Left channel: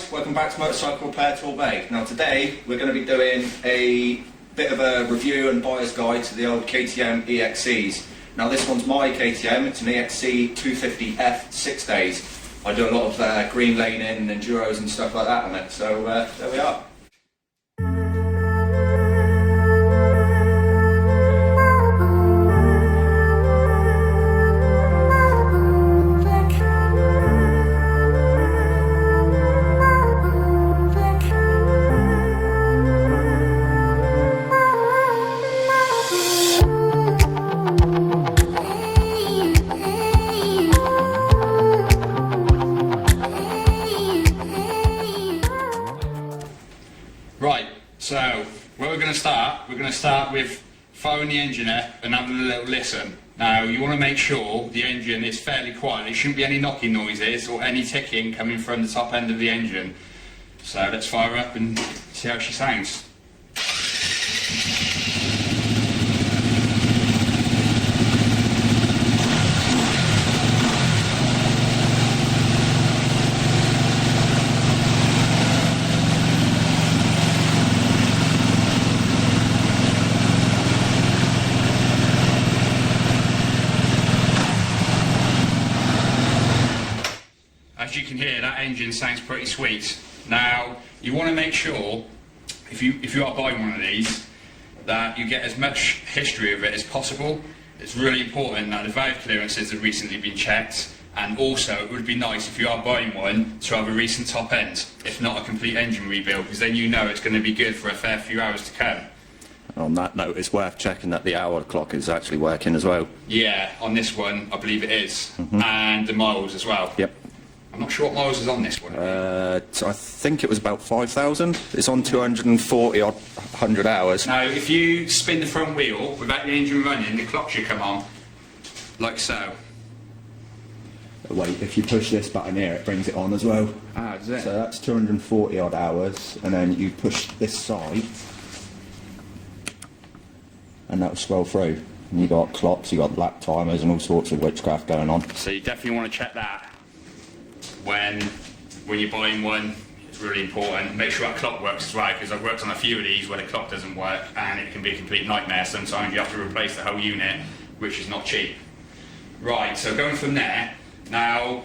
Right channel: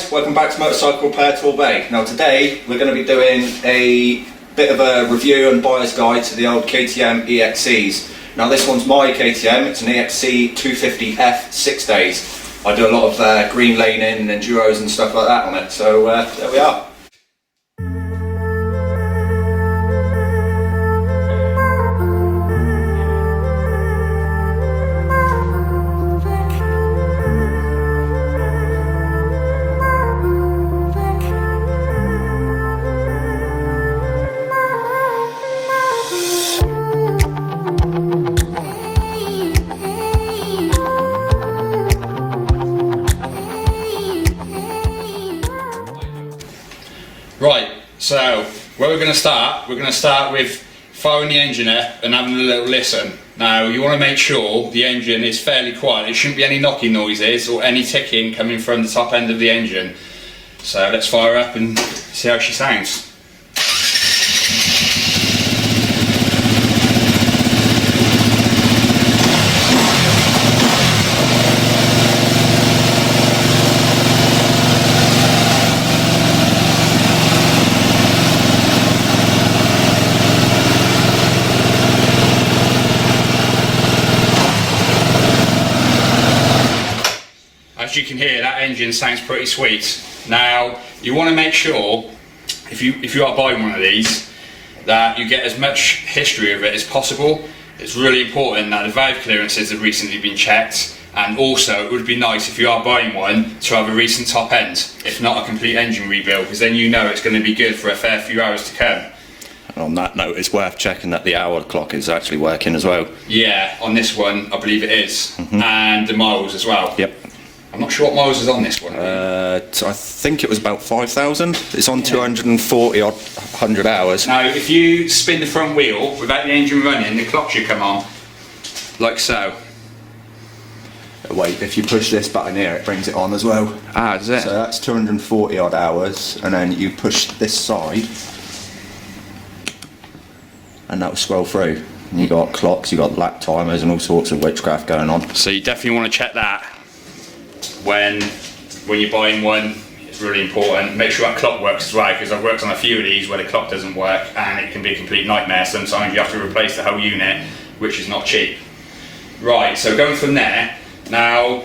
guys, welcome back to Motorcycle Repair Tool Bay. Now today we're going to be doing a bit of a review and buyer's guide to the old KTM EXCs. Now this one's my KTM, it's an EXC-F 6 days. I do a lot of green laning and enduros and stuff like that on it, so there we are. Right, so where we're going to start with firing the engine up and having a little listen. Now you want to make sure the engine is fairly quiet. There shouldn't be any knocking noises or any ticking coming from the top end of the engine. So let's fire up and see how she sounds. As you can hear, that engine sounds pretty sweet. Now, you want to make sure, if you are buying one of these, that you get as much history of it as possible. It's really important that the valve clearances have recently been checked, and also it would be nice if you are buying one to have a recent top end, if not a complete engine rebuild, because then you know it's going to be good for a fair few hours to come. And on that note, it's worth checking that the hour clock is actually working as well. Yeah, on this one, I believe it is, and the miles as well. Yep. I'm not sure what miles is on this one. I think it was about 5,000. It's on 240 or 100 hours. Now, if you spin the front wheel without the engine running, the clock should come on, like so. Wait, if you push this button here, it brings it on as well. Ah, does it? So that's 240 odd hours, and then you push this side, and that will scroll through. And you got clocks, you got lap timers, and all sorts of witchcraft going on. So you definitely want to check that when you're buying one. It's really important. Make sure that clock works as well, because I've worked on a few of these where the clock doesn't work and it can be a complete nightmare. Sometimes you have to replace the whole unit, which is not cheap. Right, so going from there, now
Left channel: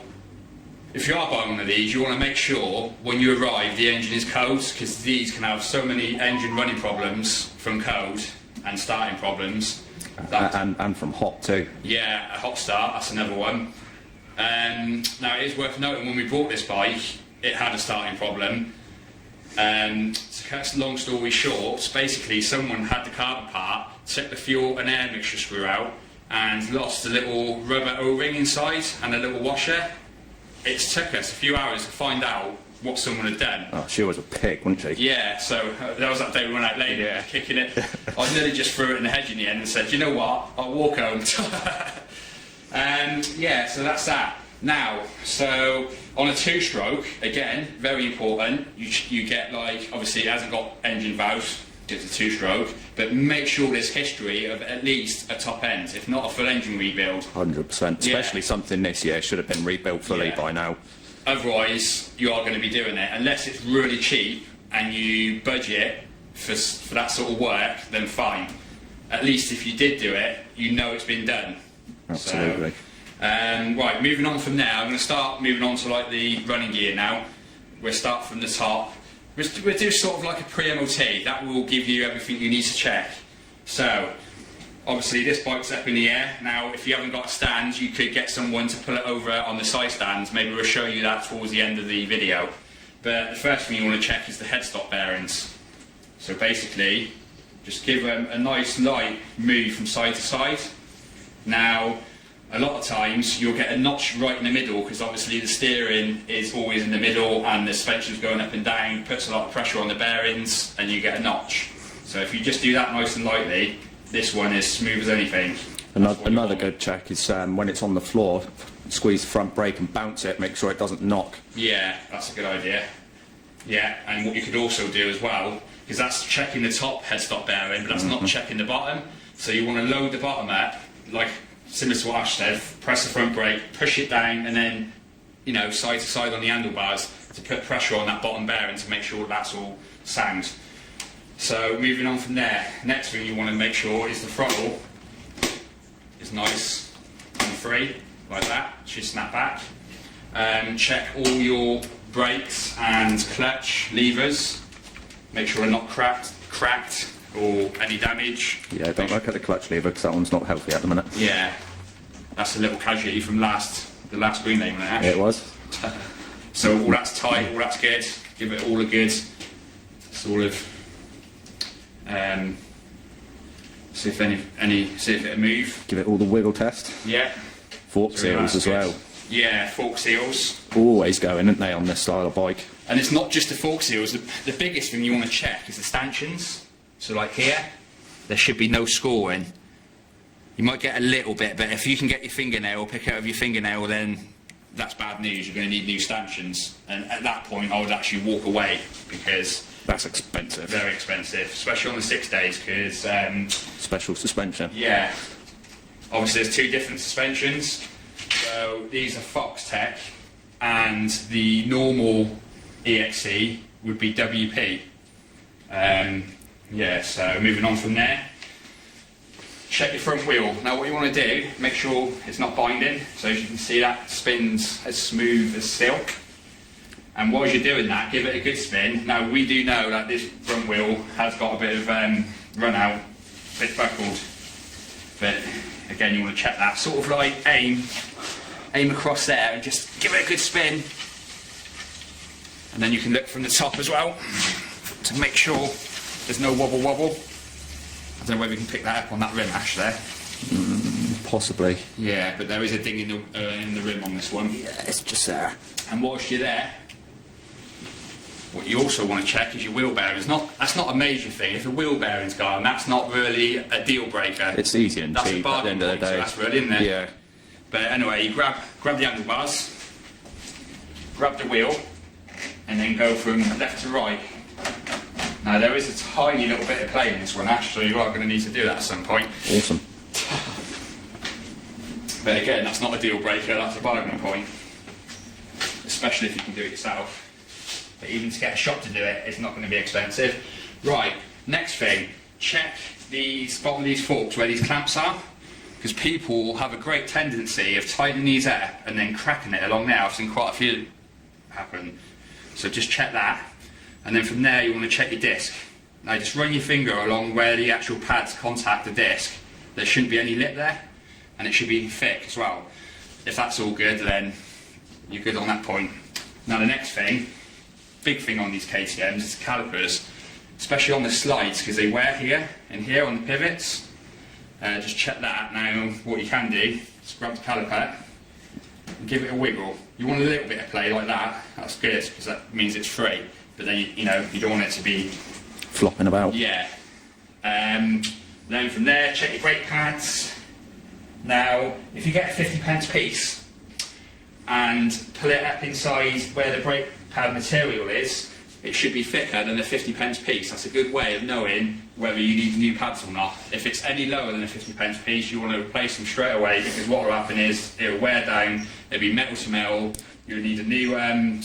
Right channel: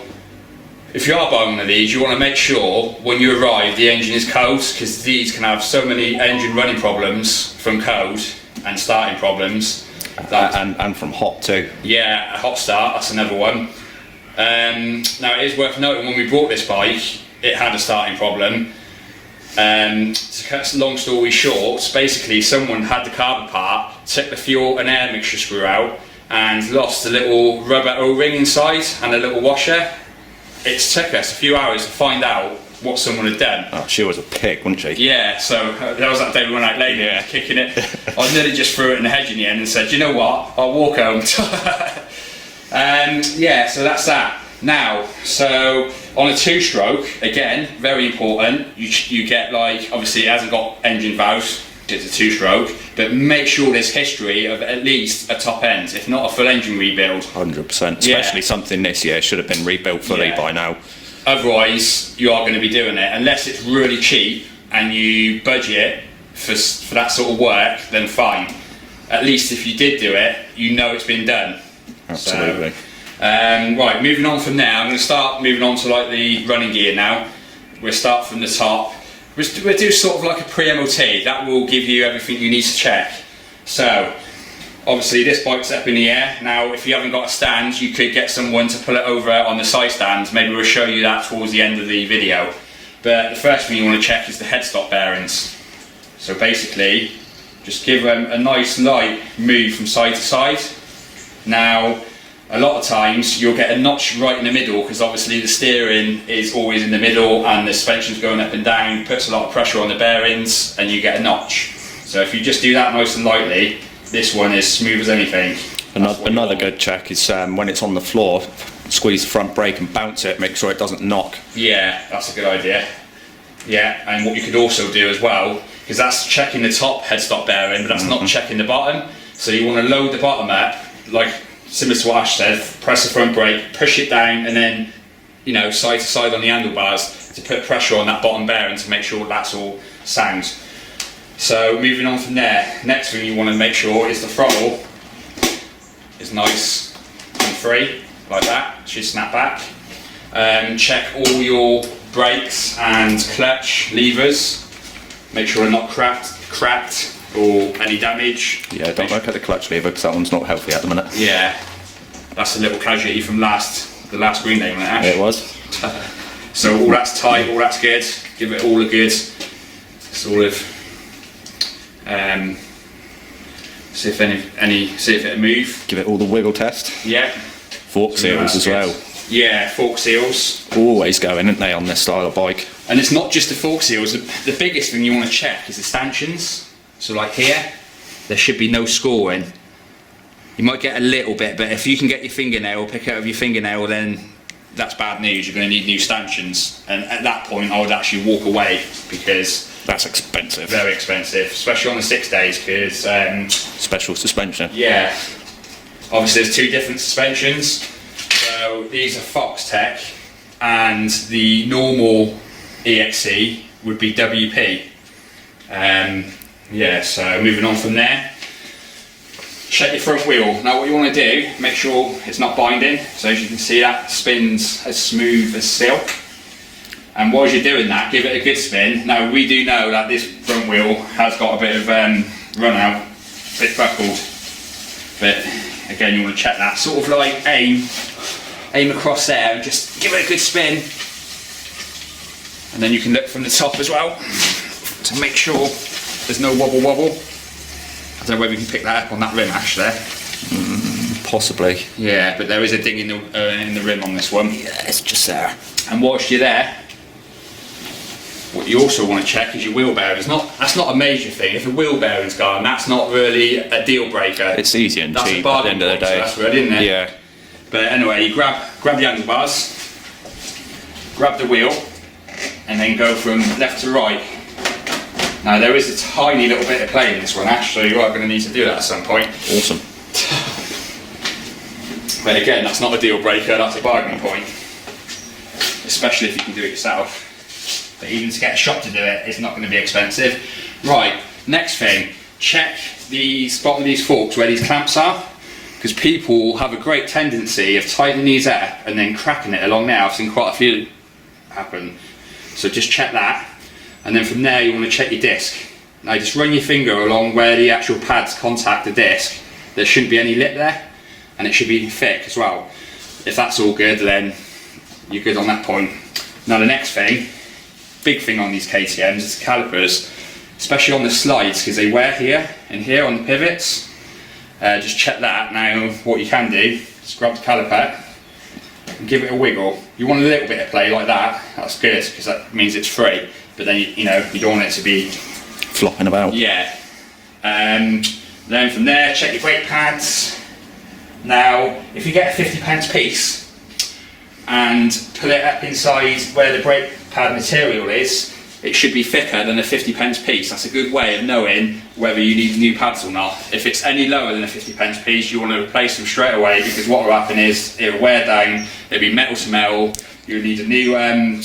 if you are buying one of these, you want to make sure when you arrive the engine is cold, because these can have so many engine running problems from cold and starting problems. And from hot too. Yeah, a hot start, that's another one. Now it is worth noting, when we bought this bike, it had a starting problem. To cut a long story short, basically someone had the carb apart, took the fuel and air mixture screw out, and lost the little rubber O-ring inside and a little washer. It took us a few hours to find out what someone had done. Oh, she was a pig, wasn't she? Yeah, so that was that day we went out late kicking it. I nearly just threw it in the hedge in the end and said, you know what, I'll walk home. Yeah, so that's that. Now, so on a two-stroke, again, very important, you get, like, obviously it hasn't got engine valves, it's a two-stroke, but make sure there's history of at least a top end, if not a full engine rebuild. 100%, especially something this year should have been rebuilt fully by now. Otherwise, you are going to be doing it, unless it's really cheap and you budget for that sort of work, then fine. At least if you did do it, you know it's been done. Absolutely. So, right, moving on from there, I'm going to start moving on to like the running gear now. We'll start from the top. We'll do sort of like a pre-MOT, that will give you everything you need to check. So, obviously this bike's up in the air. Now if you haven't got a stand, you could get someone to pull it over on the side stands. Maybe we'll show you that towards the end of the video. But the first thing you want to check is the headstock bearings. So basically, just give them a nice light move from side to side. Now, a lot of times you'll get a notch right in the middle, because obviously the steering is always in the middle and the suspension's going up and down, puts a lot of pressure on the bearings and you get a notch. So if you just do that nice and lightly, this one is smooth as anything. Another good check is when it's on the floor, squeeze the front brake and bounce it, make sure it doesn't knock. Yeah, that's a good idea. Yeah, and what you could also do as well, because that's checking the top headstock bearing, but that's not checking the bottom. So you want to load the bottom up, like similar to what Ash said, press the front brake, push it down, and then you know, side to side on the handlebars to put pressure on that bottom bearing to make sure that's all sound. So moving on from there, next thing you want to make sure is the throttle is nice and free, like that, should snap back. Check all your brakes and clutch levers, make sure they're not cracked or any damage. Yeah, don't look at the clutch lever because that one's not healthy at the minute. Yeah, that's a little casualty from the last green day, wasn't it, Ash? It was. So all that's tight, all that's good. Give it all a good sort of see if it'll move. Give it all the wiggle test. Yeah. Fork So seals that's as good. well. Yeah, fork seals. Always going, aren't they, on this style of bike? And it's not just the fork seals. The biggest thing you want to check is the stanchions. So like here, there should be no scoring. You might get a little bit, but if you can get your fingernail, pick it out of your fingernail, then that's bad news. You're going to need new stanchions. And at that point, I would actually walk away because That's expensive. very expensive, especially on the 6 days. Because Special suspension. yeah, obviously there's two different suspensions. So these are Fox Tech, and the normal EXC would be WP. Yeah, so moving on from there, check your front wheel. Now what you want to do, make sure it's not binding. So as you can see, that spins as smooth as silk. And while you're doing that, give it a good spin. Now we do know that this front wheel has got a bit of run out, a bit buckled. But again, you want to check that. Sort of like aim across there and just give it a good spin. And then you can look from the top as well to make sure there's no wobble. I don't know whether you can pick that up on that rim, Ash, there. Possibly. Yeah, but there is a ding in the rim on this one. Yeah, it's just there. And whilst you're there, what you also want to check is your wheel bearings. That's not a major thing. If the wheel bearing's gone, that's not really a deal breaker. It's easy and That's cheap a at the bargain end of the point, so day. that's good, isn't it? Yeah. But anyway, you grab the handlebars, grab the wheel, and then go from left to right. Now there is a tiny little bit of play in this one, Ash, so you are going to need to do that at some point. Awesome. But again, that's not a deal breaker, that's a bargaining point. Especially if you can do it yourself. But even to get a shop to do it, it's not going to be expensive. Right, next thing, check the bottom of these forks where these clamps are. Because people have a great tendency of tightening these up and then cracking it along there. I've seen quite a few happen. So just check that. And then from there you want to check your disc. Now just run your finger along where the actual pads contact the disc. There shouldn't be any lip there. And it should be thick as well. If that's all good, then you're good on that point. Now the next thing, big thing on these KTMs is the calipers, especially on the slides, because they wear here and here on the pivots. Just check that. Now what you can do is grab the caliper and give it a wiggle. You want a little bit of play like that, that's good, because that means it's free. But then you don't want it to be Flopping about. yeah. Then from there, check your brake pads. Now, if you get a 50p piece and pull it up inside where the brake pad material is, it should be thicker than a 50p piece. That's a good way of knowing whether you need new pads or not. If it's any lower than a 50p piece, you want to replace them straight away, because what will happen is it'll wear down, it'll be metal to metal, you'll need a new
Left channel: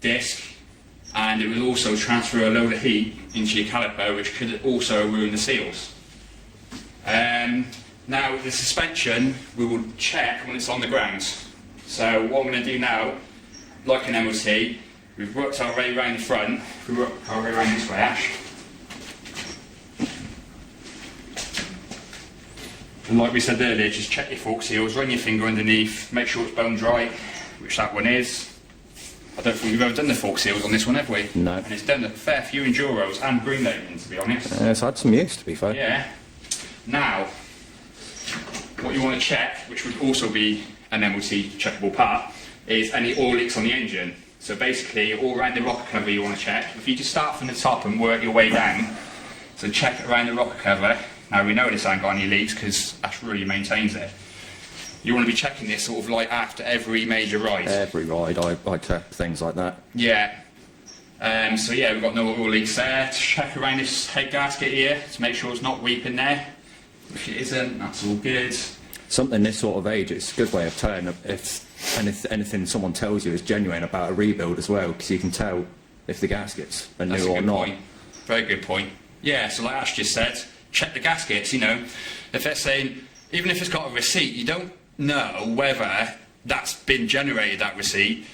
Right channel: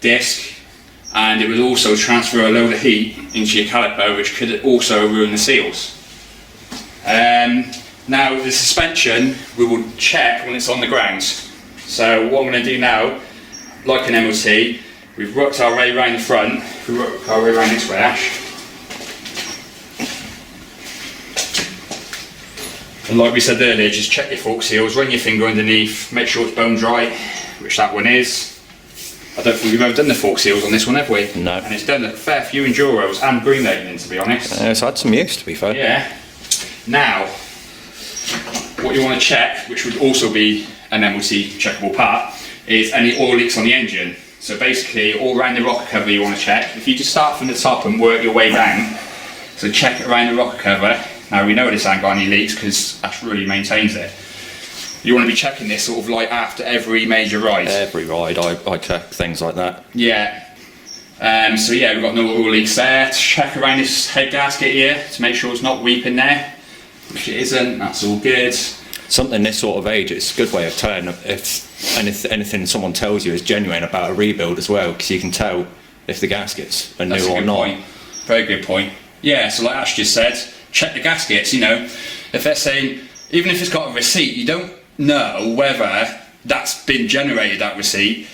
disc, and it will also transfer a load of heat into your caliper, which could also ruin the seals. Now the suspension we will check when it's on the ground. So what I'm going to do now, like an MOT, we've worked our way around the front, we work our way around this way, Ash. And like we said earlier, just check your fork seals, run your finger underneath, make sure it's bone dry, which that one is. I don't think we've ever done the fork seals on this one, have we? No. And it's done a fair few enduros and green lightning, to be honest. It's had some use, to be fair. Yeah. Now, what you want to check, which would also be an MOT checkable part, is any oil leaks on the engine. So basically, all around the rocker cover you want to check. If you just start from the top and work your way down, so check it around the rocker cover. Now we know this ain't got any leaks because Ash really maintains it. You want to be checking this sort of like after every major ride. Every ride I check things like that. Yeah. So yeah, we've got no oil leaks there. To check around this head gasket here to make sure it's not weeping there. If it isn't, that's all good. Something this sort of age, it's a good way of telling if anything someone tells you is genuine about a rebuild as well, because you can tell if the gaskets are That's new a or good not. point. Very good point. Yeah, so like Ash just said, check the gaskets, you know. If they're saying, even if it's got a receipt, you don't know whether that's been generated, that receipt.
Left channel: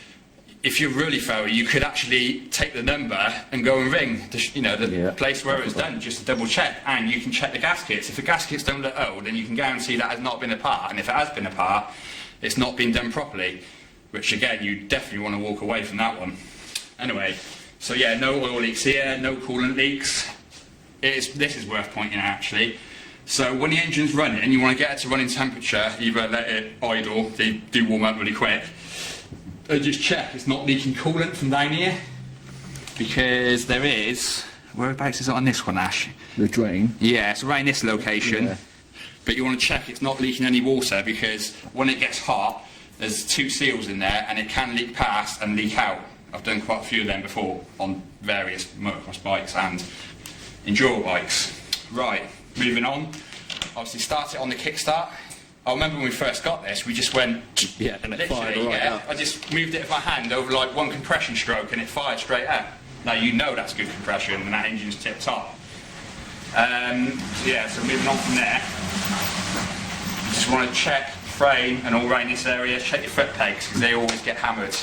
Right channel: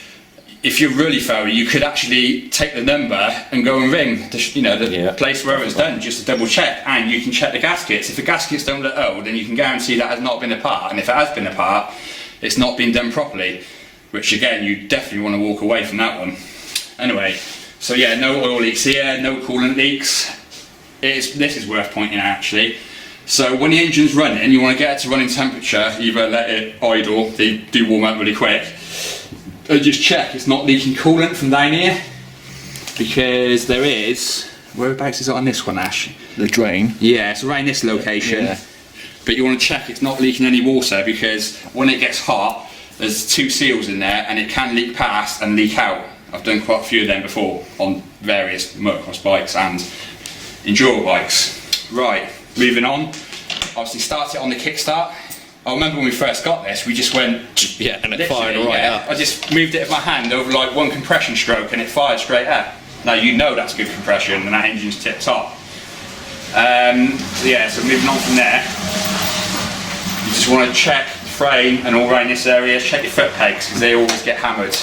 If you're really thorough, you could actually take the number and go and ring the place where it was done, just to double check, and you can check the gaskets. If the gaskets don't look old, then you can guarantee that has not been a part, and if it has been a part, it's not been done properly, which again, you definitely want to walk away from that one. Anyway, so yeah, no oil leaks here, no coolant leaks. This is worth pointing out actually. So when the engine's running, you want to get it to running temperature, either let it idle, they do warm up really quick, and just check it's not leaking coolant from down here, because there is, whereabouts is it on this one, Ash? The drain. Yeah, it's around this location, Yeah. but you want to check it's not leaking any water, because when it gets hot, there's 2 seals in there and it can leak past and leak out. I've done quite a few of them before on various motocross bikes and enduro bikes. Right, moving on. Obviously start it on the kickstart. I remember when we first got this, we just went, Yeah, and it literally, fired right up. I just moved it with my hand over like one compression stroke and it fired straight up. Now you know that's good compression and that engine's tip top. So yeah, so moving on from there, you just want to check the frame and all around this area, check your foot pegs because they always get hammered.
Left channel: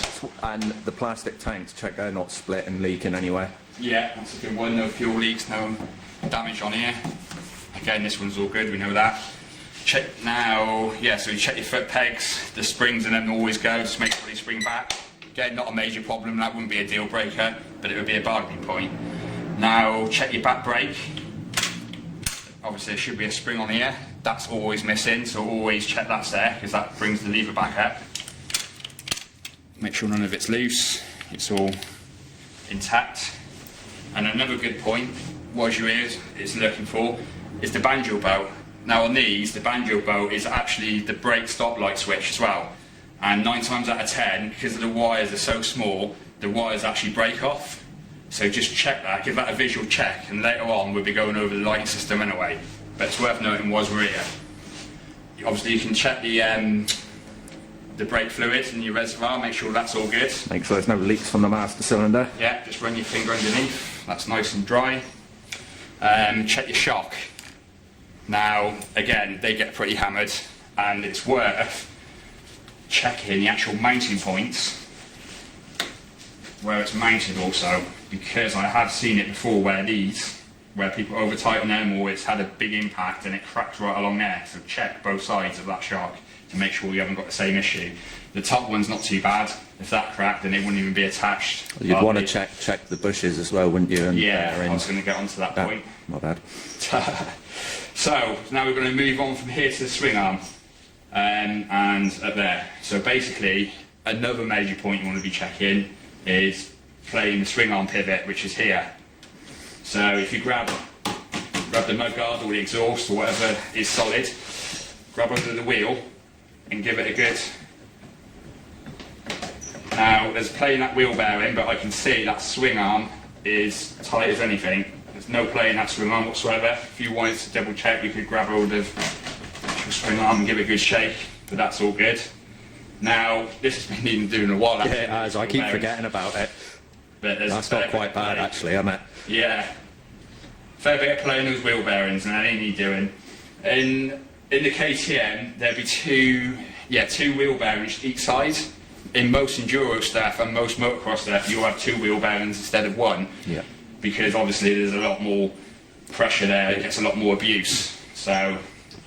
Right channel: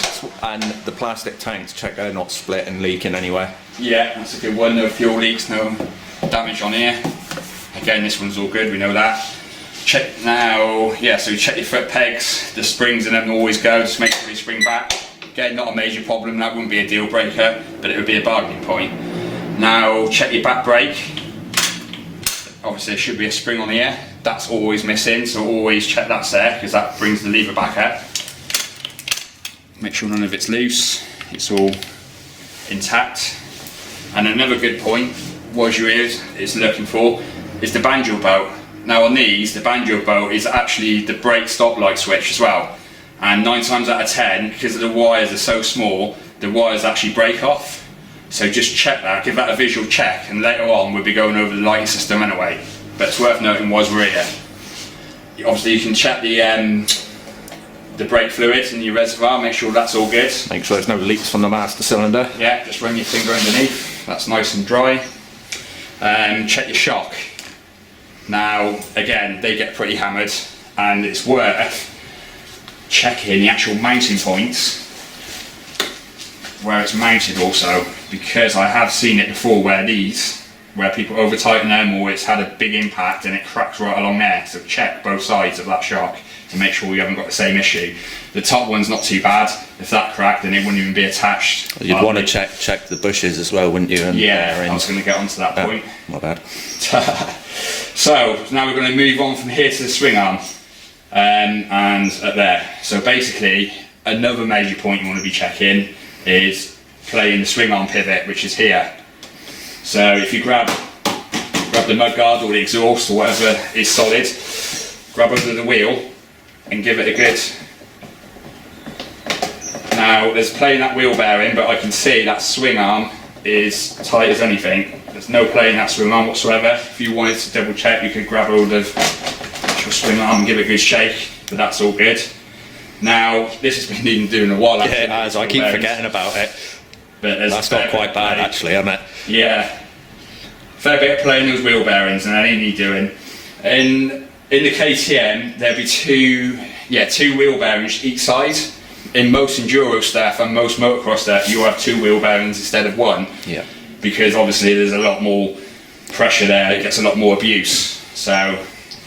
And the plastic tanks, check they're not split and leaking anywhere. Yeah, that's a good one. No fuel leaks, no damage on here. Again, this one's all good, we know that. Check now, yeah, so check your foot pegs. The springs in them always go, just make sure they spring back. Again, not a major problem, that wouldn't be a deal breaker, but it would be a bargaining point. Now, check your back brake. Obviously, there should be a spring on here. That's always missing, so always check that's there, because that brings the lever back up. Make sure none of it's loose, it's all intact. And another good point, what you is looking for, is the banjo belt. Now on these, the banjo belt is actually the brake stop light switch as well. And 9 times out of 10, because the wires are so small, the wires actually break off. So just check that, give that a visual check, and later on we'll be going over the lighting system anyway. But it's worth noting whilst we're here. Obviously you can check the brake fluid in your reservoir, make sure that's all good. Make sure there's no leaks from the master cylinder. Yeah, just run your finger underneath, that's nice and dry. Check your shock. Now, again, they get pretty hammered, and it's worth checking the actual mounting points where it's mounted also, because I have seen it before where people over tighten them or it's had a big impact and it cracks right along there. So check both sides of that shock to make sure you haven't got the same issue. The top one's not too bad. If that cracked, then it wouldn't even be attached. You'd want to check the bushes as well, wouldn't you? And yeah, I was going to get onto that point. Not bad. So now we're going to move on from here to the swing arm and up there. So basically, another major point you want to be checking is playing the swing arm pivot, which is here. So if you grab the mudguard or the exhaust or whatever is solid, grab under the wheel and give it a good. Now there's play in that wheel bearing, but I can see that swing arm is tight as anything. There's no play in that swing arm whatsoever. If you wanted to double check, you could grab hold of the actual swing arm and give it a good shake, but that's all good. Now, this has been needing doing a while. Yeah, it has. I keep forgetting about it. But that's not quite bad actually, isn't it? Yeah. Fair bit of play in those wheel bearings and that ain't need doing. In the KTM, there'd be two wheel bearings each side. In most enduro stuff and most motocross stuff, you have 2 wheel bearings instead of 1. Yeah. Because obviously there's a lot more pressure there, it gets a lot more abuse. So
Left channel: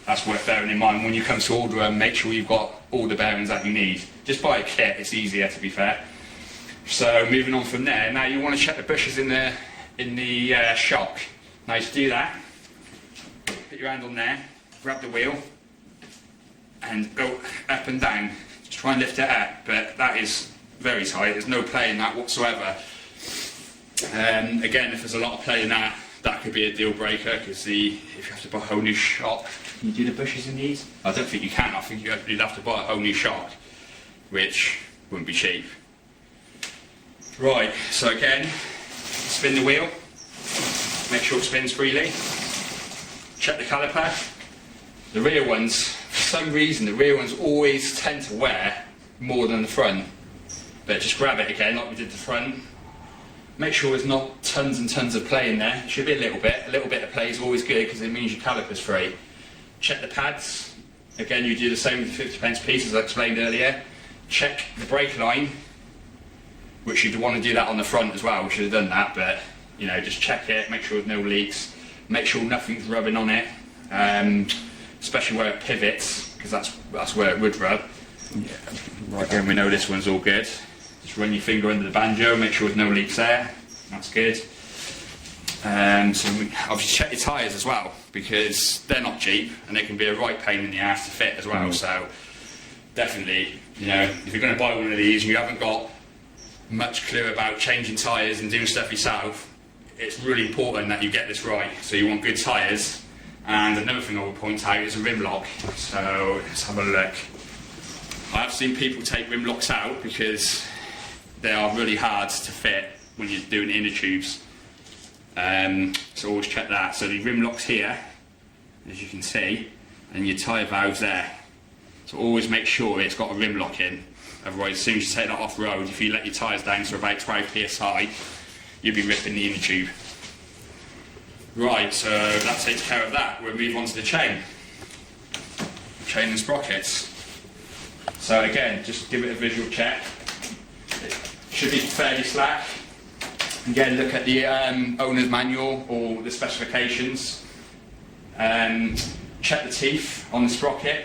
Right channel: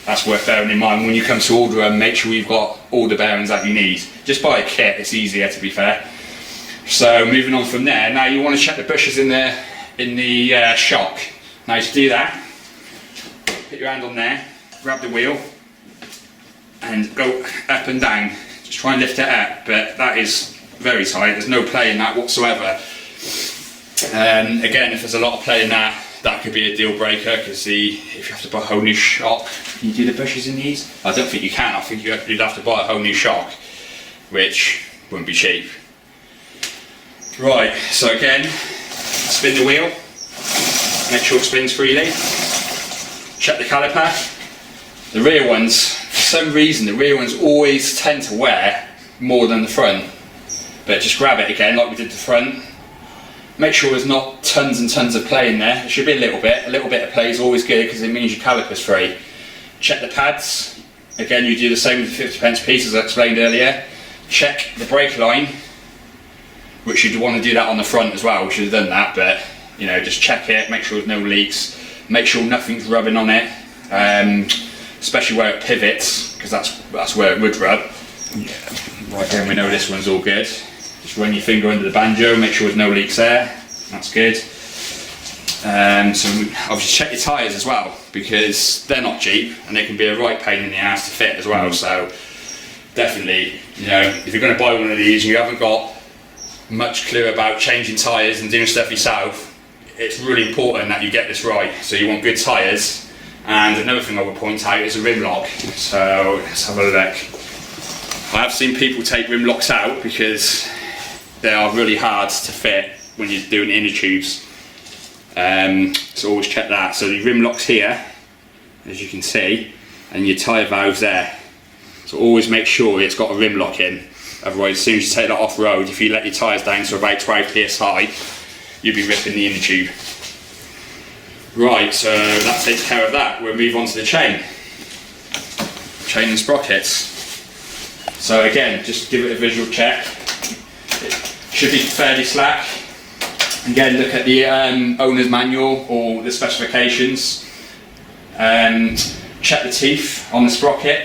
that's worth bearing in mind when you come to order them. Make sure you've got all the bearings that you need. Just buy a kit, it's easier to be fair. So moving on from there, now you want to check the bushes in the shock. Now to do that, put your hand on there, grab the wheel and go up and down. Just try and lift it up, but that is very tight, there's no play in that whatsoever. Again, if there's a lot of play in that could be a deal breaker, because if you have to buy a whole new shock, can you do the bushes in these? I don't think you can. I think you'd have to buy a whole new shock, which wouldn't be cheap. Right, so again, spin the wheel, make sure it spins freely, check the caliper. The rear ones, for some reason, the rear ones always tend to wear more than the front. But just grab it again like we did the front. Make sure there's not tons and tons of play in there. There should be a little bit of play is always good because it means your caliper's free. Check the pads. Again, you do the same with the 50p piece as I explained earlier. Check the brake line, which you'd want to do that on the front as well. We should have done that, but you know, just check it, make sure there's no leaks, make sure nothing's rubbing on it, especially where it pivots, because that's where it would rub. Again, we know this one's all good. Just run your finger under the banjo, make sure there's no leaks there. That's good. So obviously check your tyres as well, because they're not cheap and they can be a right pain in the ass to fit as well. So definitely, you know, if you're going to buy one of these and you haven't got much clue about changing tyres and doing stuff yourself, it's really important that you get this right. So you want good tyres, and another thing I would point out is a rim lock. So let's have a look. I have seen people take rim locks out because they are really hard to fit when you're doing inner tubes. So always check that. So the rim lock's here, as you can see, and your tyre valve's there. So always make sure it's got a rim lock in. Otherwise, as soon as you take that off road, if you let your tyres down to about 12 psi, you'll be ripping the inner tube. Right, so that takes care of that. We'll move on to the chain. Chain and sprockets. So again, just give it a visual check. It should be fairly slack. Again, look at the owner's manual or the specifications. Check the teeth on the sprocket.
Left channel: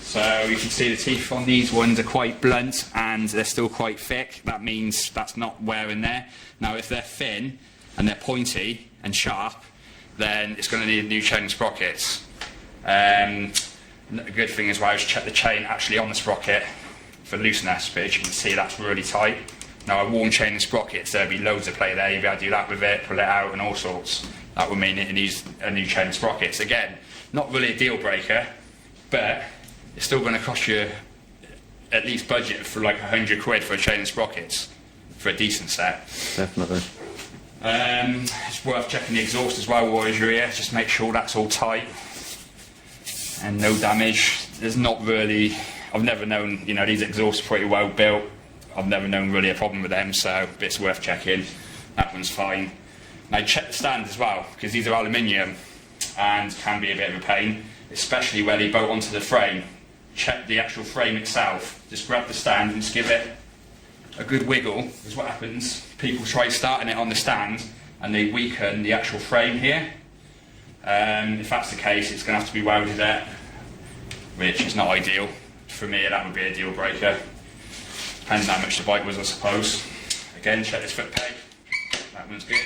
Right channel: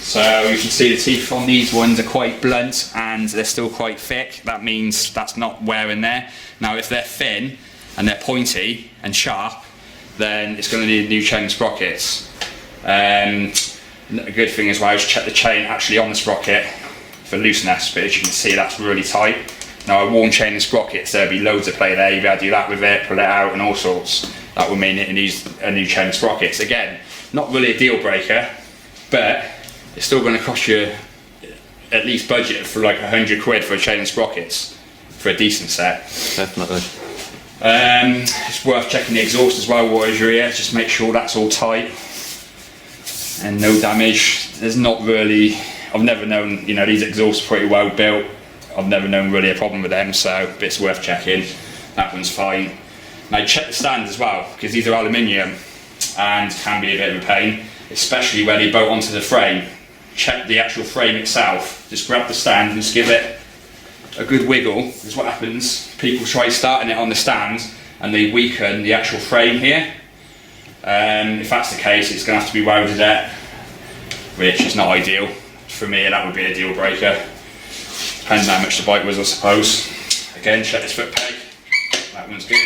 So you can see the teeth on these ones are quite blunt and they're still quite thick. That means that's not wearing there. Now if they're thin and they're pointy and sharp, then it's going to need new chain and sprockets. A good thing as well is check the chain actually on the sprocket for looseness, but as you can see that's really tight. Now a worn chain and sprockets, there'll be loads of play there. You'll be able to do that with it, pull it out and all sorts. That would mean it needs a new chain and sprockets. Again, not really a deal breaker, but it's still going to cost you at least budget for like £100 for a chain and sprockets for a decent set. Definitely. It's worth checking the exhaust as well while you're here. Just make sure that's all tight and no damage. There's not really, I've never known, you know, these exhausts are pretty well built. I've never known really a problem with them, so it's worth checking. That one's fine. Now check the stand as well, because these are aluminium and can be a bit of a pain, especially where they bolt onto the frame. Check the actual frame itself. Just grab the stand and just give it a good wiggle, because what happens, people try starting it on the stand and they weaken the actual frame here. If that's the case, it's going to have to be welded at, which is not ideal. For me, that would be a deal breaker. Depends on how much the bike was, I suppose. Again, check this foot peg. That one's good.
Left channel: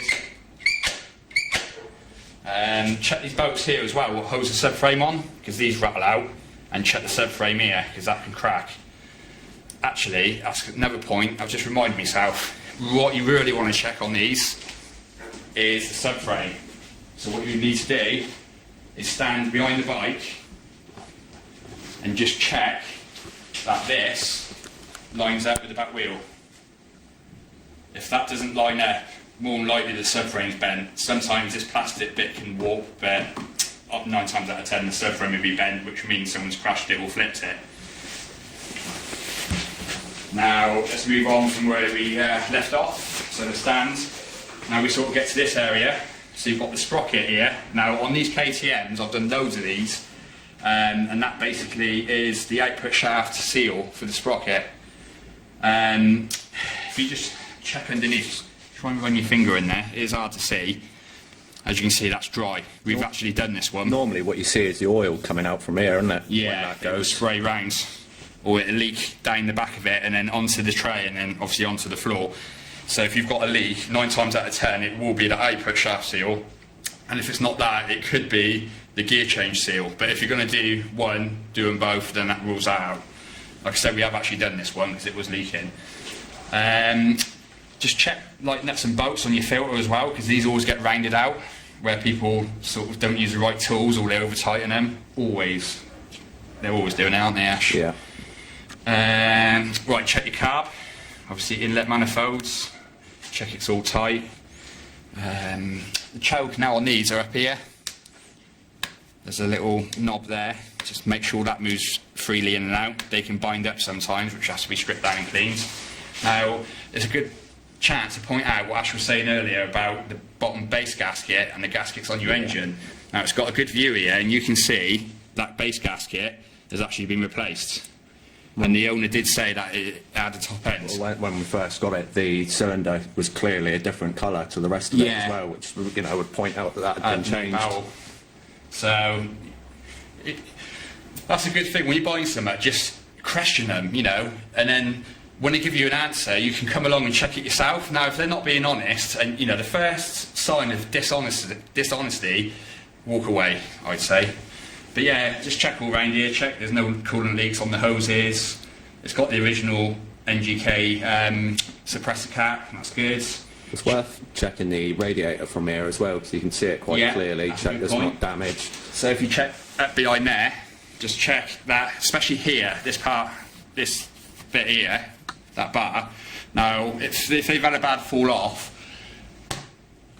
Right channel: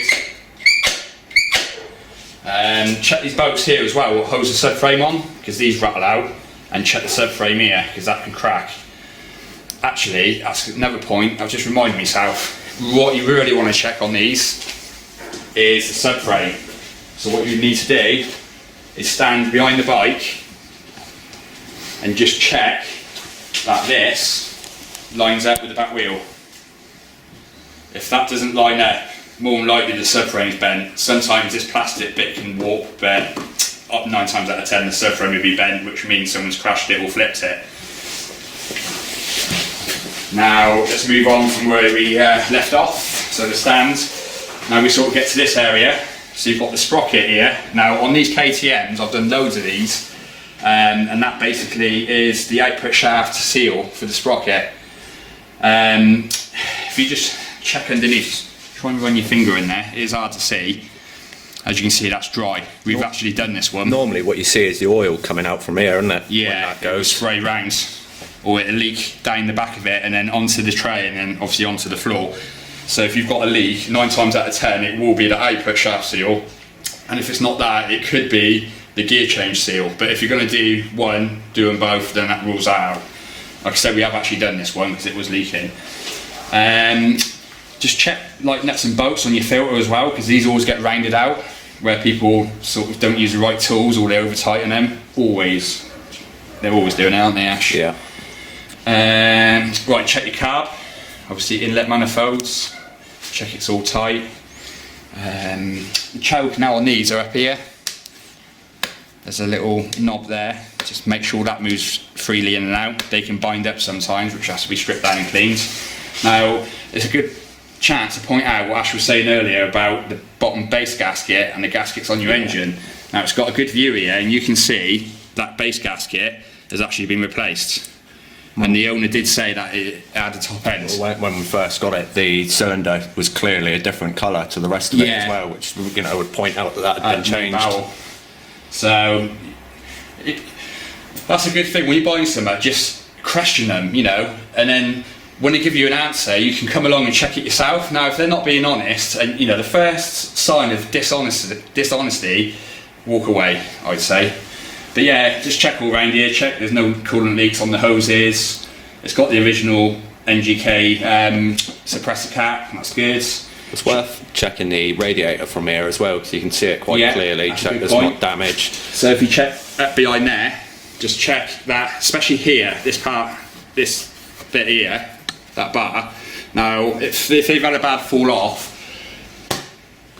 Check these bolts here as well, what holds the subframe on, because these rattle out. And check the subframe here, because that can crack. Actually, that's another point, I've just reminded myself, what you really want to check on these is the subframe. So what you need to do is stand behind the bike and just check that this lines up with the back wheel. If that doesn't line up, more than likely the subframe's bent. Sometimes this plastic bit can warp, but 9 times out of 10 the subframe will be bent, which means someone's crashed it or flipped it. Now let's move on from where we left off, so the stand. Now we sort of get to this area, so you've got the sprocket here. Now on these KTMs, I've done loads of these, and that basically is the output shaft seal for the sprocket. If you just check underneath, try and run your finger in there, it is hard to see. As you can see, that's dry. We've actually done this one. Normally what you see is the oil coming out from here, isn't it? Yeah, it will spray round, or it'll leak down the back of it and then onto the tray and then obviously onto the floor. So if you've got a leak, 9 times out of 10 it will be the output shaft seal, and if it's not that, it could be the gear change seal. But if you're going to do one, do them both, then that rules that out. Like I said, we have actually done this one because it was leaking. Just check like nuts and bolts on your filter as well, because these always get rounded out where people sort of don't use the right tools or they over tighten them. They're always doing it, aren't they, Ash? Yeah. Right, check your carb. Obviously inlet manifolds. Check it's all tight. The choke now on these are up here. There's a little knob there, just make sure that moves freely in and out. They can bind up sometimes, which has to be stripped down and cleaned. Now, it's a good chance to point out what Ash was saying earlier about the bottom base gasket and the gaskets on your engine. Now, it's got a good view here, and you can see that base gasket has actually been replaced. And the owner did say that it had a top end. When we first got it, the cylinder was clearly a different colour to the rest of it as well, which, you know, would point out that had been changed. Barrel. So that's a good thing when you're buying something. Just question them, you know, and then when they give you an answer, you can come along and check it yourself. Now, if they're not being honest, and you know, the first sign of dishonesty, walk away, I'd say. But yeah, just check all around here, check there's no coolant leaks on the hoses. It's got the original NGK suppressor cap, that's good. It's worth checking the radiator from here as well, because you can see it quite clearly, check there's not damaged. So if you check up behind there, just check that, especially here, this bit here, that bar. Now, if they've had a bad fall off,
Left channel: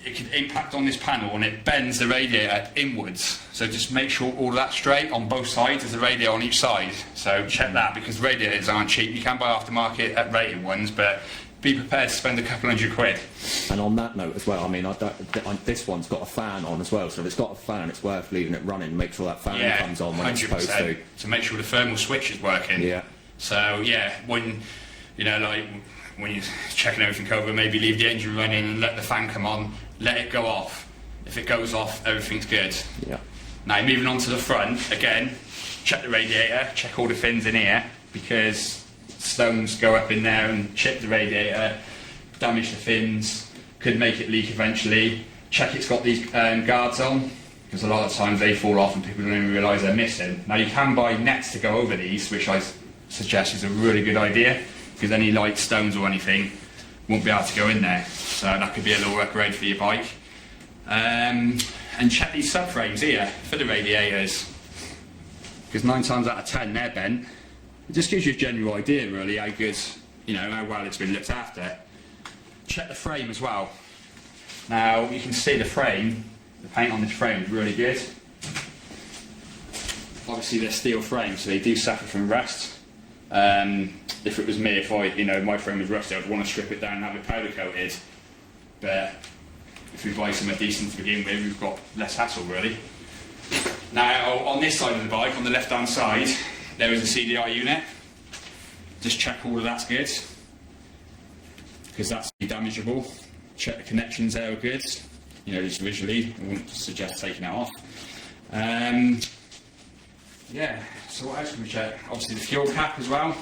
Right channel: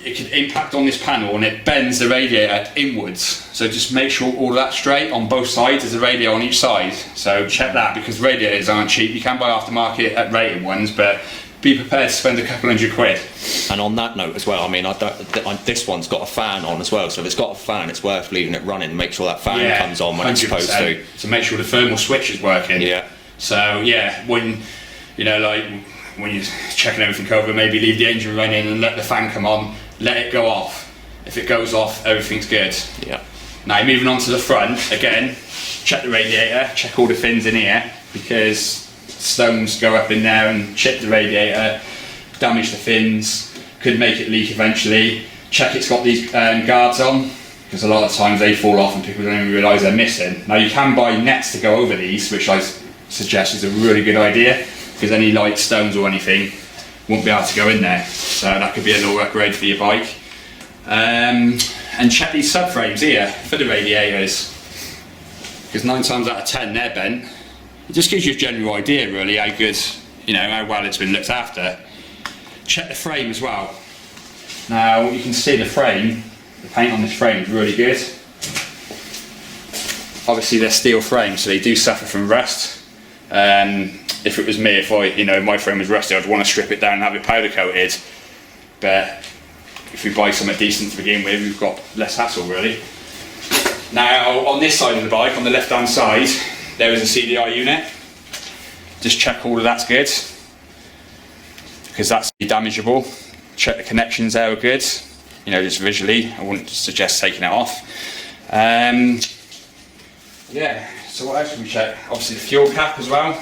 it could impact on this panel and it bends the radiator inwards. So just make sure all of that's straight on both sides. There's a radiator on each side. So check that, because radiators aren't cheap. You can buy aftermarket at rated ones, but be prepared to spend a couple £100. And on that note as well, I mean, this one's got a fan on as well, so if it's got a fan, it's worth leaving it running. Make sure that fan comes on when it's supposed to. To make sure the thermal switch is working. Yeah. So yeah, when you know, like when you're checking everything over, maybe leave the engine running and let the fan come on. Let it go off. If it goes off, everything's good. Yeah. Now moving on to the front again. Check the radiator. Check all the fins in here, because stones go up in there and chip the radiator, damage the fins, could make it leak eventually. Check it's got these guards on, because a lot of times they fall off and people don't even realise they're missing. Now you can buy nets to go over these, which I suggest is a really good idea, because any light stones or anything won't be able to go in there. So that could be a little upgrade for your bike. And check these subframes here for the radiators, because 9 times out of 10 they're bent. It just gives you a general idea really how good, you know, how well it's been looked after. Check the frame as well. Now you can see the frame, the paint on this frame is really good. Obviously they're steel frames, so they do suffer from rust. If it was me, my frame was rusty, I'd want to strip it down and have it powder coated. But if we buy something decent to begin with, we've got less hassle really. Now on this side of the bike, on the left hand side, there is a CDI unit. Just check all of that's good, because that's damageable. Check the connections there are good. You know, just visually, I wouldn't suggest taking it off. Yeah, so what else can we check? Obviously the fuel cap as well.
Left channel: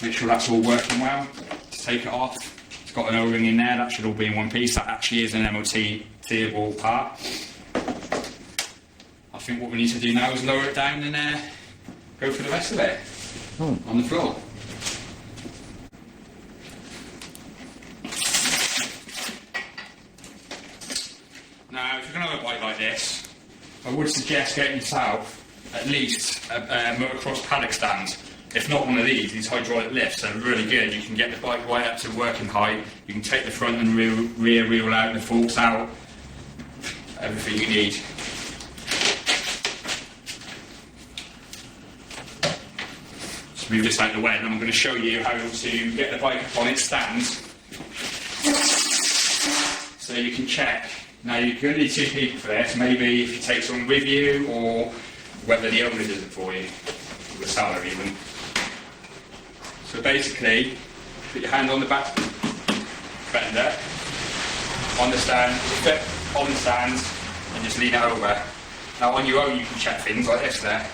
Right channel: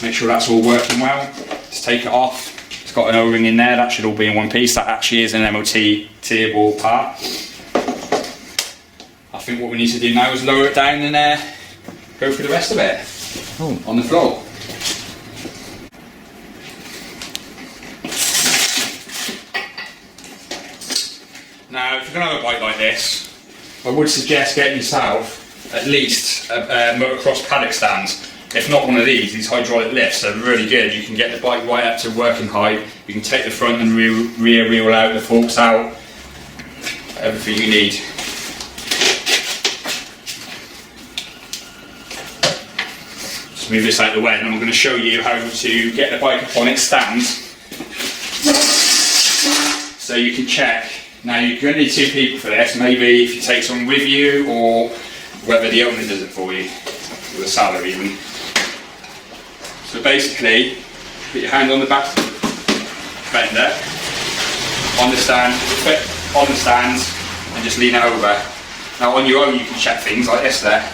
Make sure that's all working well. Just take it off. It's got an O-ring in there, that should all be in one piece. That actually is an MOT-table part. I think what we need to do now is lower it down and go for the rest of it on the floor. Now, if you're going to have a bike like this, I would suggest getting yourself at least a motocross paddock stand. If not one of these hydraulic lifts are really good. You can get the bike right up to working height. You can take the front and rear wheel out, the forks out, everything you need. Just move this out of the way, and I'm going to show you how to get the bike up on its stand, so you can check. Now you're going to need 2 people for this. Maybe if you take someone with you, or whether the owner does it for you, with a salary even. So basically, put your hand on the back fender, on the stand, and just lean it over. Now on your own you can check things like this there.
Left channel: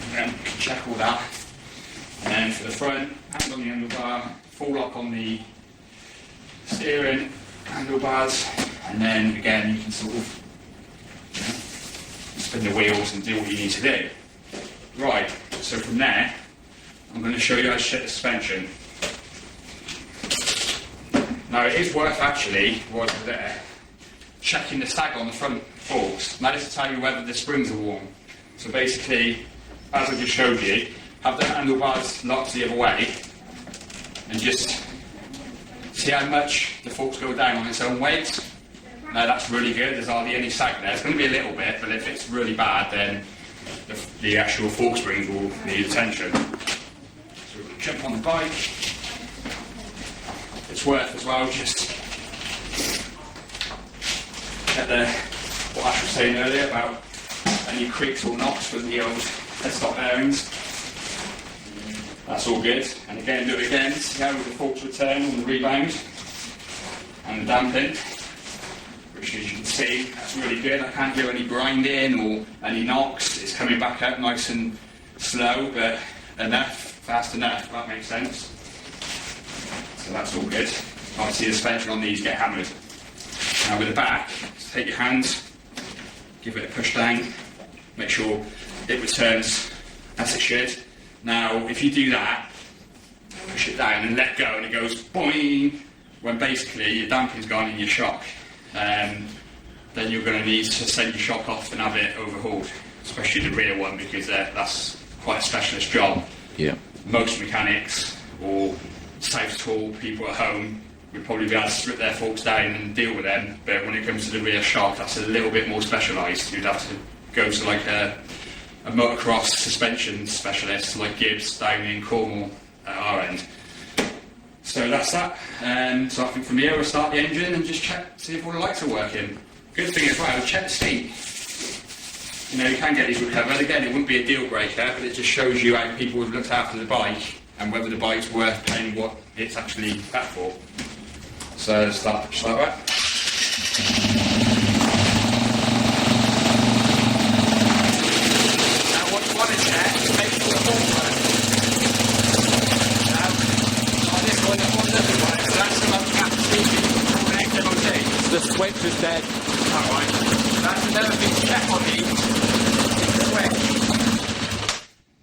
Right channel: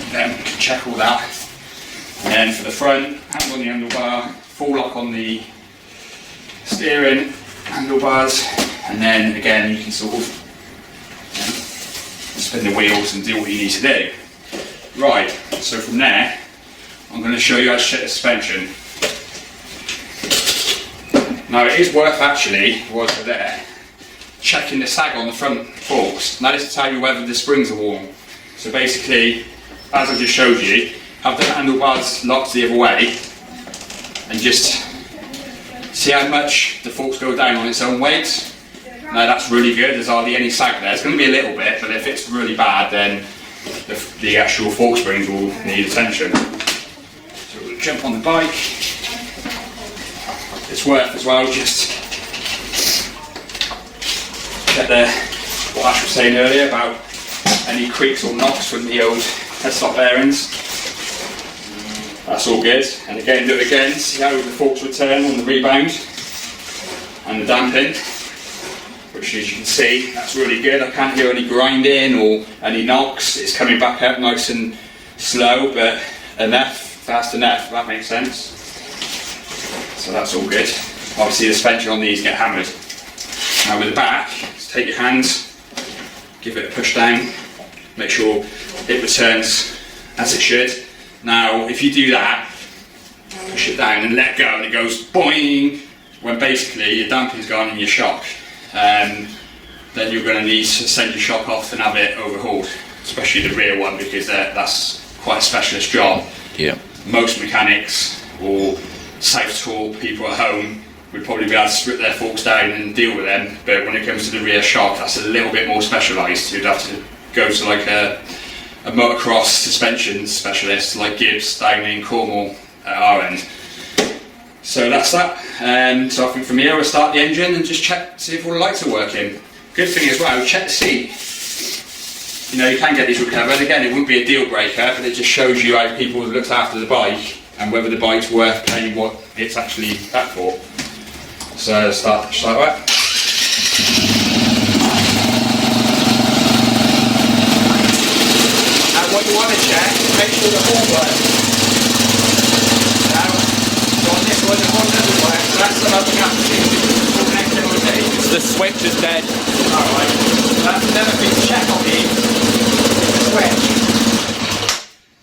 And then you can check all that. And then for the front, hand on the handlebar, full lock on the steering handlebars, and then again you can sort of spin the wheels and do what you need to do. Right, so from there, I'm going to show you how to check the suspension. Now it is worth actually, while we're there, checking the sag on the front forks. Now this will tell you whether the springs are warm. So basically, as I just showed you, have the handlebars locked the other way, and just see how much the forks go down on its own weight. Now that's really good, there's hardly any sag there. It's going to be a little bit, but if it's really bad, then the actual fork springs will need attention. So we'll jump on the bike. It's worth as well just get what Ash was saying earlier about any creaks or knocks from the old headstock bearings. That's all good. And again, do it again, see how the forks return on the rebound and the damping, which as you can see, that's really good. I can't hear any grinding or any knocks. It's coming back up nice and slow, but enough, fast enough, if that makes sense. So that's all good. Obviously the suspension on these get hammered. Now with the back, just take your hand, give it a push down, make sure it returns as it should. Now if you do that, push it down and let go and it goes boing, when basically your damping's gone and your shock. Then you're going to need to send your shock off and have it overhauled, especially the rear one, because that's quite a specialist job. Yeah. Most mechanics or self-taught people at home would probably be able to strip their forks down and deal with them, but when it comes to the rear shock, that's a little bit more specialised. You'd have to go to like a motocross suspension specialist like Gibbs down in Cornwall at our end. So that's that. So I think from here we'll start the engine and just check, see if all the lights are working. Good thing as well, check the seat. You know, you can get these recovered. Again, it wouldn't be a deal breaker, but it just shows you how people have looked after the bike and whether the bike's worth paying what it's actually at for. So start just like that. Now what you want to check, make sure the horn works. Now, on this one the horn doesn't work, so that's something I have to see before the next MOT. The switch is dead. Alright, that's another thing to check on these, is the switch.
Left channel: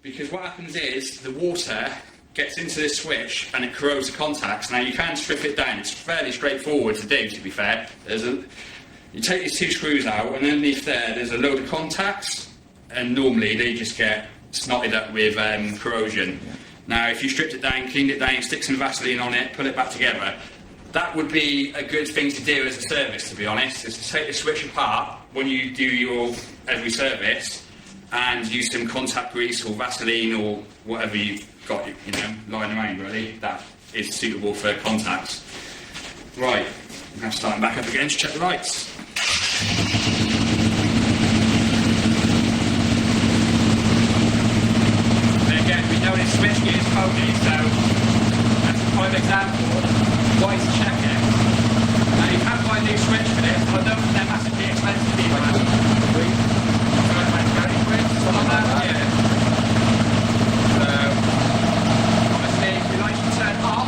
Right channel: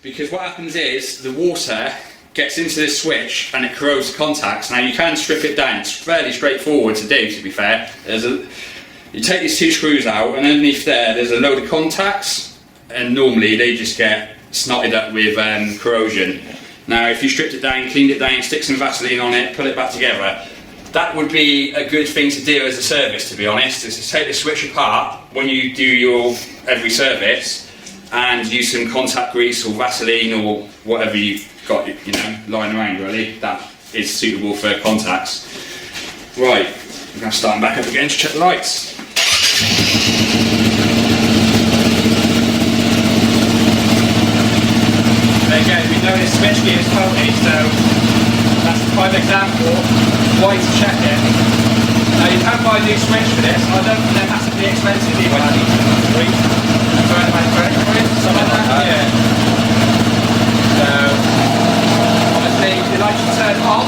Because what happens is, the water gets into this switch and it corrodes the contacts. Now you can strip it down, it's fairly straightforward to do, to be fair. You take these two screws out and underneath there's a load of contacts, and normally they just get snotted up with corrosion. Now if you stripped it down, cleaned it down, stick some Vaseline on it, put it back together, that would be a good thing to do as a service, to be honest, is to take the switch apart when you do your every service and use some contact grease or Vaseline or whatever you've got, you know, lying around really, that is suitable for contacts. Right, I'm going to start back up again to check the lights. There you go, we know this switch gear is faulty, so that's a prime example. Why to check it. Now you can buy a new switch for this, I don't think they're massively expensive either. About 30 quid, something like that? Yeah. So, obviously the lights should turn off,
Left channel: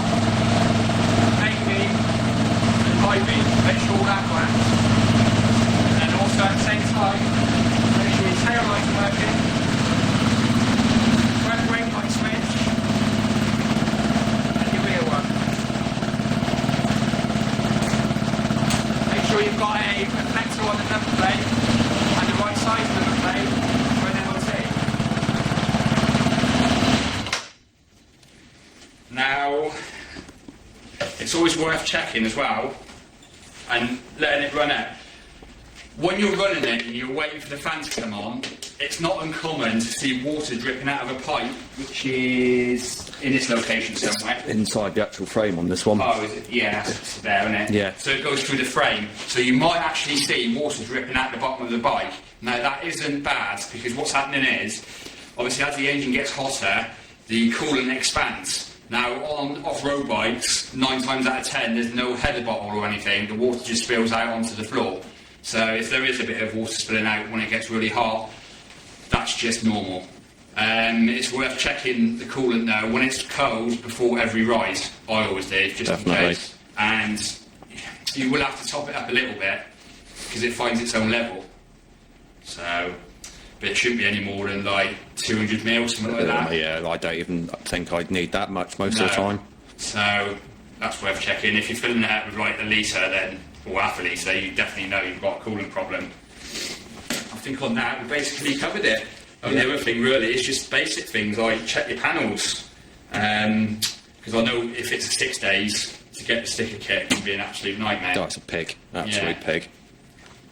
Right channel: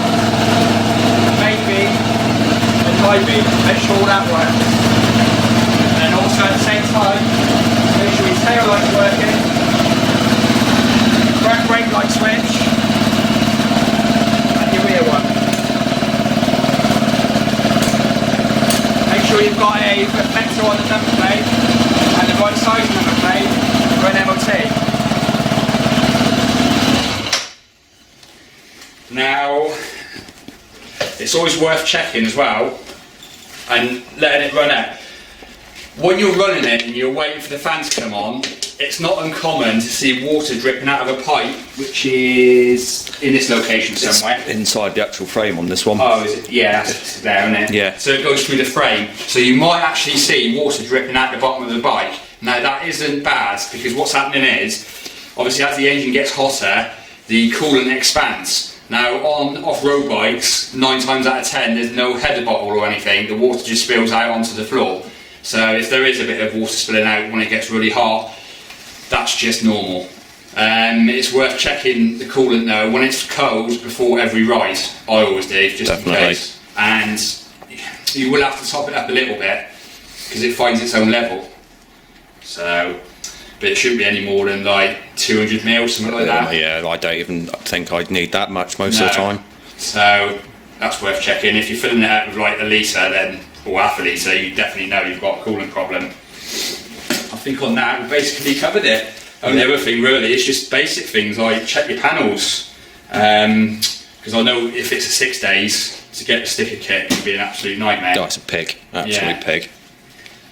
main beam and high beam, make sure all that works. And then also at the same time, make sure your tail light's working, front brake light switch, and your rear one. Make sure you've got a reflector on the number plate and the right size number plate for an MOT. Now, it's always worth checking as well and letting it run out. When you're running it and you're waiting for the fan to come on, it's not uncommon to see water dripping out of a pipe, which is in this location somewhere. It's inside the actual frame on this one. Oh, is it? Yeah, that's there, isn't it? Yeah. So it goes through the frame. So you might actually see water dripping out the bottom of the bike. Now that isn't bad, because what's happening is, obviously as the engine gets hotter, the coolant expands. Now on off-road bikes, 9 times out of 10, there's no header bottle or anything, the water just spills out onto the floor. So if there is a bit of water spilling out when it gets really hot, that's just normal. It's worth checking the coolant though when it's cold before every ride. I always do, just Definitely. in case. And you will have to top it up a little bit because it finds its own level. So, but it shouldn't be any more than like 200 mil, something like that. Yeah, I don't even think I'd need that much most of the time. So that's worth checking. If you're filling it up with like a litre, then or half a litre, you definitely know you've got a coolant problem. I think on that we basically covered it. Only other thing really is just basic things like check your panels, because I know if it's a 6 days to get the sticker kit, it can be an absolute nightmare. That's a pig, absolute pig.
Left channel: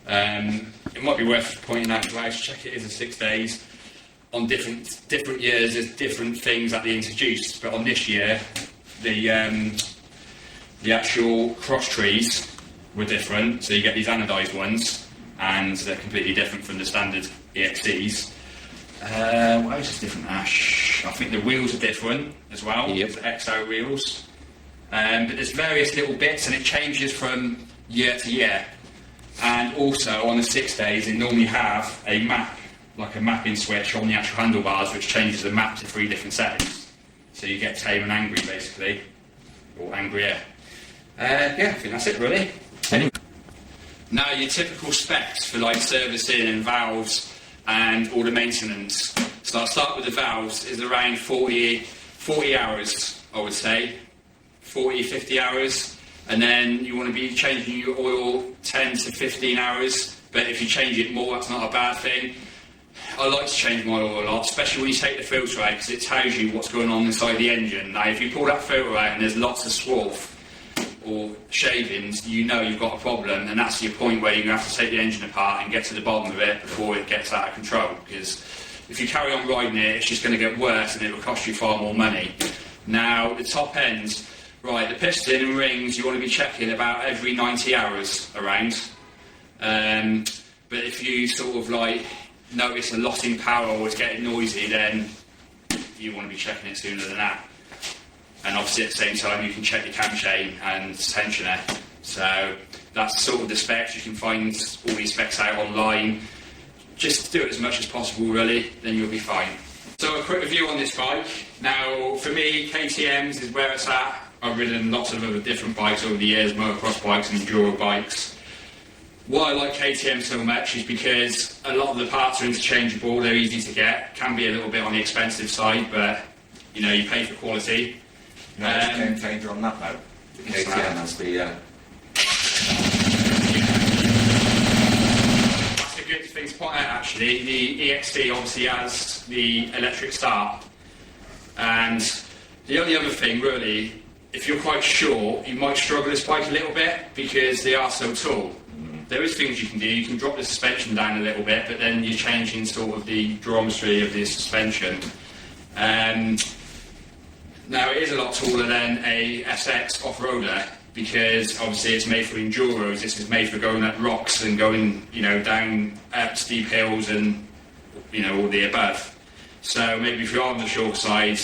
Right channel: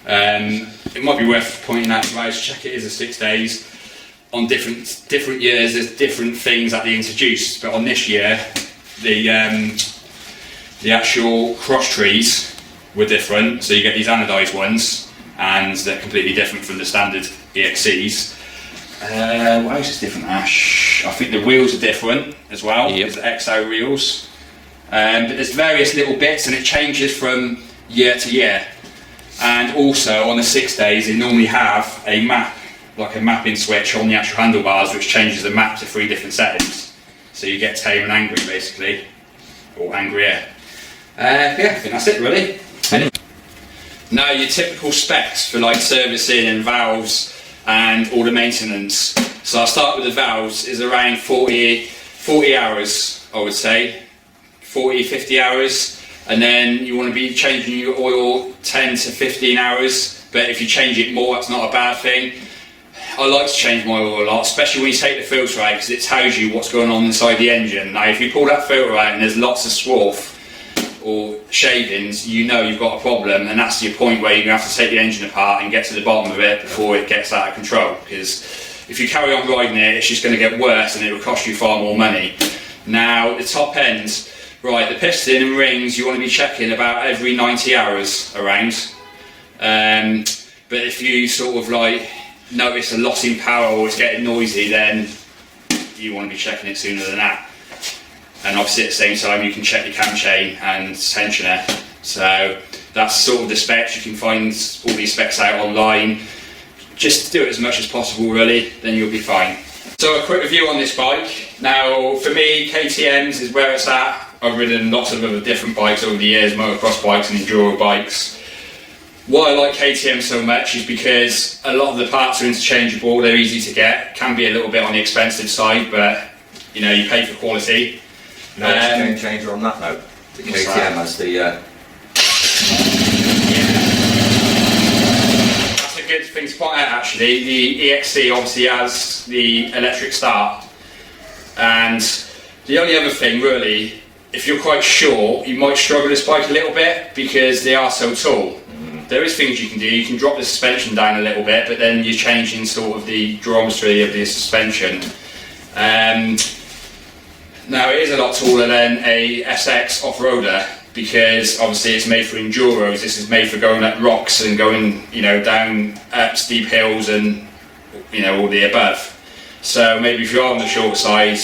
It might be worth pointing out as well, check it is a 6 days. On different years, there's different things that they introduced, but on this year, the actual cross trees were different. So you get these anodised ones, and they're completely different from the standard EXCs. What else is different, Ash? I think the wheels are different as well. Yep. There's the XO wheels. But there's various little bits, and it changes from year to year. And also on the 6 days, they normally have a map, like a mapping switch on the actual handlebars, which changes the map to 3 different settings. So you get tame and angry, basically, or angrier. Yeah, I think that's it really. Now your typical specs for like servicing and valves and all the maintenance. So I'll start with the valves, is around 40 hours, I would say. 40-50 hours, and then you want to be changing your oil 10 to 15 hours, but if you change it more, that's not a bad thing. I like to change my oil a lot, especially when you take the filter out, because it tells you what's going on inside the engine. Now if you pull that filter out and there's lots of swarf or shavings, you know you've got a problem, and that's your point where you're going to have to take the engine apart and get to the bottom of it before it gets out of control, because if you carry on riding it, it's just going to get worse and it will cost you far more money. Now the top end, right, the piston and rings you want to be checking about every 90 hours around. But if you sort of like notice a loss in power or it's getting noisy, then you want to be checking it sooner than that. And obviously at the same time you can check your cam chain and tensioner. So that's sort of the specs. You can find all these specs out online. Just do it as much as possible really, then you'll be fine. So a quick review on this bike. Now for me, KTM's is where it's at. I've ridden lots of other different bikes over the years, motocross bikes and enduro bikes. Why I like KTM so much is because a lot of the parts are interchangeable, they're easy to get, can be a little bit on the expensive side, but you know, you pay for quality. No game changer on that though. The KTM has the... Yeah. That's a good thing to point out actually. The EXC obviously has the electric start, and the only other thing really, if you're quite short, you might struggle this bike a little bit because they are so tall. There is things you can do. You can drop the suspension down a little bit, but then you're changing sort of the geometry of the suspension. Now it is a lot taller than a SX off-roader because obviously it's made for enduros. This is made for going up rocks and going, you know, down up steep hills and, you know, all the above. So maybe if you are on the short side,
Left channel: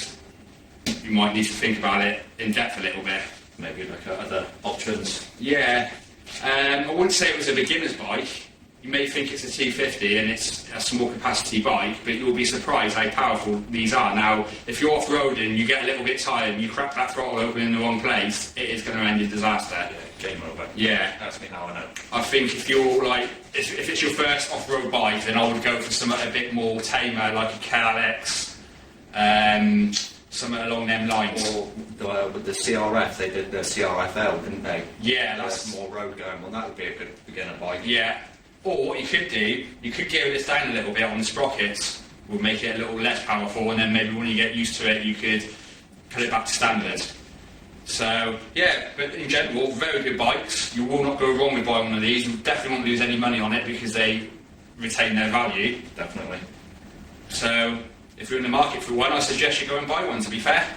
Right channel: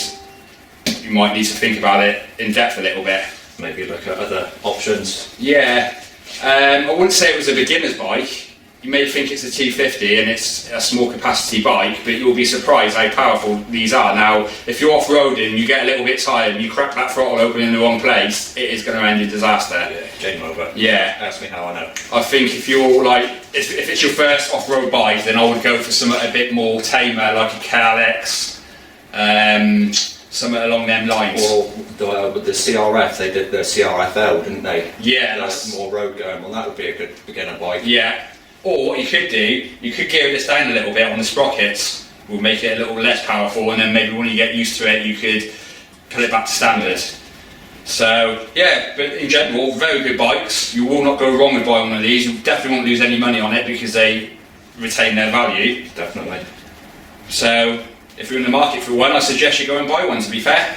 you might need to think about it in depth a little bit. Maybe look at other options. Yeah, I wouldn't say it was a beginner's bike. You may think it's a T50 and it's a small capacity bike, but you'll be surprised how powerful these are. Now, if you're off-roading, you get a little bit tired and you crack that throttle open in the wrong place, it is going to end in disaster. Yeah, game over. Yeah. Ask me how I know. I think if you're like, if it's your first off-road bike, then I would go for something a bit more tamer, like a KLX, something along them lines. Or with the CRF, they did the CRFL, didn't they? Yeah, that's more road going. Well, that would be a good beginner bike. Yeah. Or what you could do, you could gear this down a little bit on the sprockets, will make it a little less powerful, and then maybe when you get used to it, you could put it back to standard. So yeah, but in general, very good bikes. You will not go wrong with buying one of these. You definitely won't lose any money on it because they retain their value. Definitely. So if you're in the market for one, I suggest you go and buy one, to be fair.